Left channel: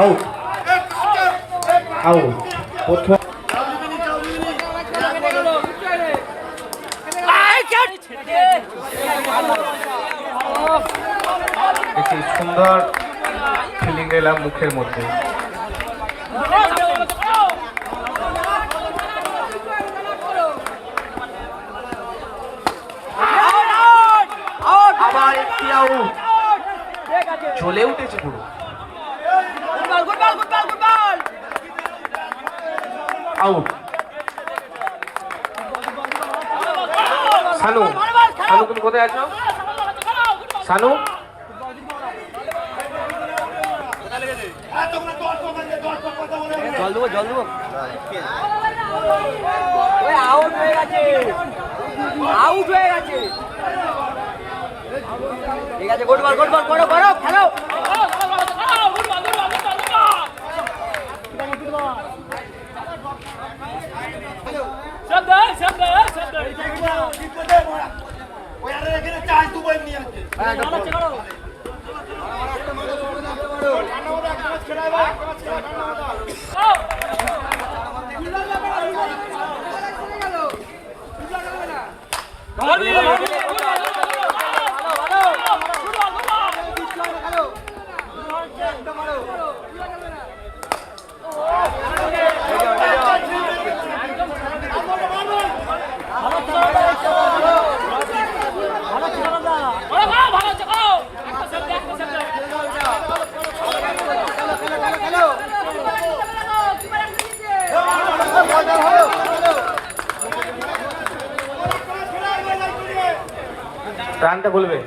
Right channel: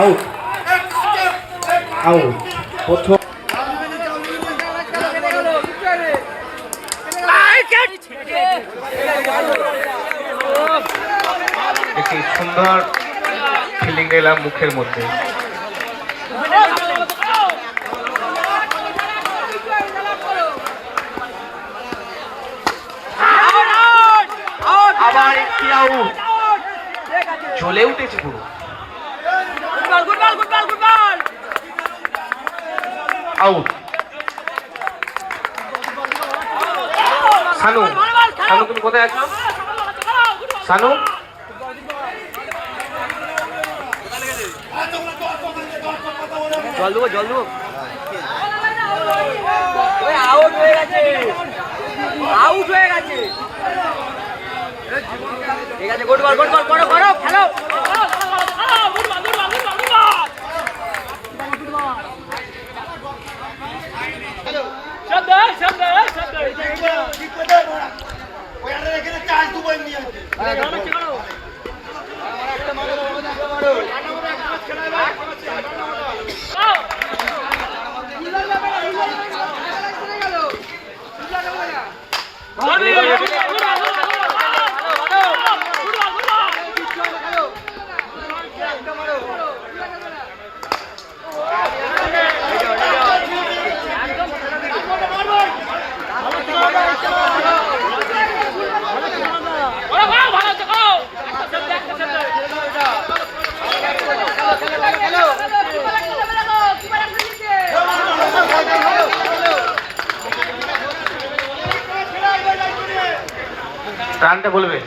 Out out প্রথম একটি সুন্দর ফিলিং এলাম মুখের মধ্যে। আবার একটি আউট, চলে উঠেছে পুরো। আউট। সানু, সানু তুমি কোথায় আছো? সানু জল দেবো জল দেবো। আউট হয়ে গেছে, আউট হয়ে গেছে। ঠিক আছে, গোল গোল গোল গোল করো করো খেলো। রানটা বলবে।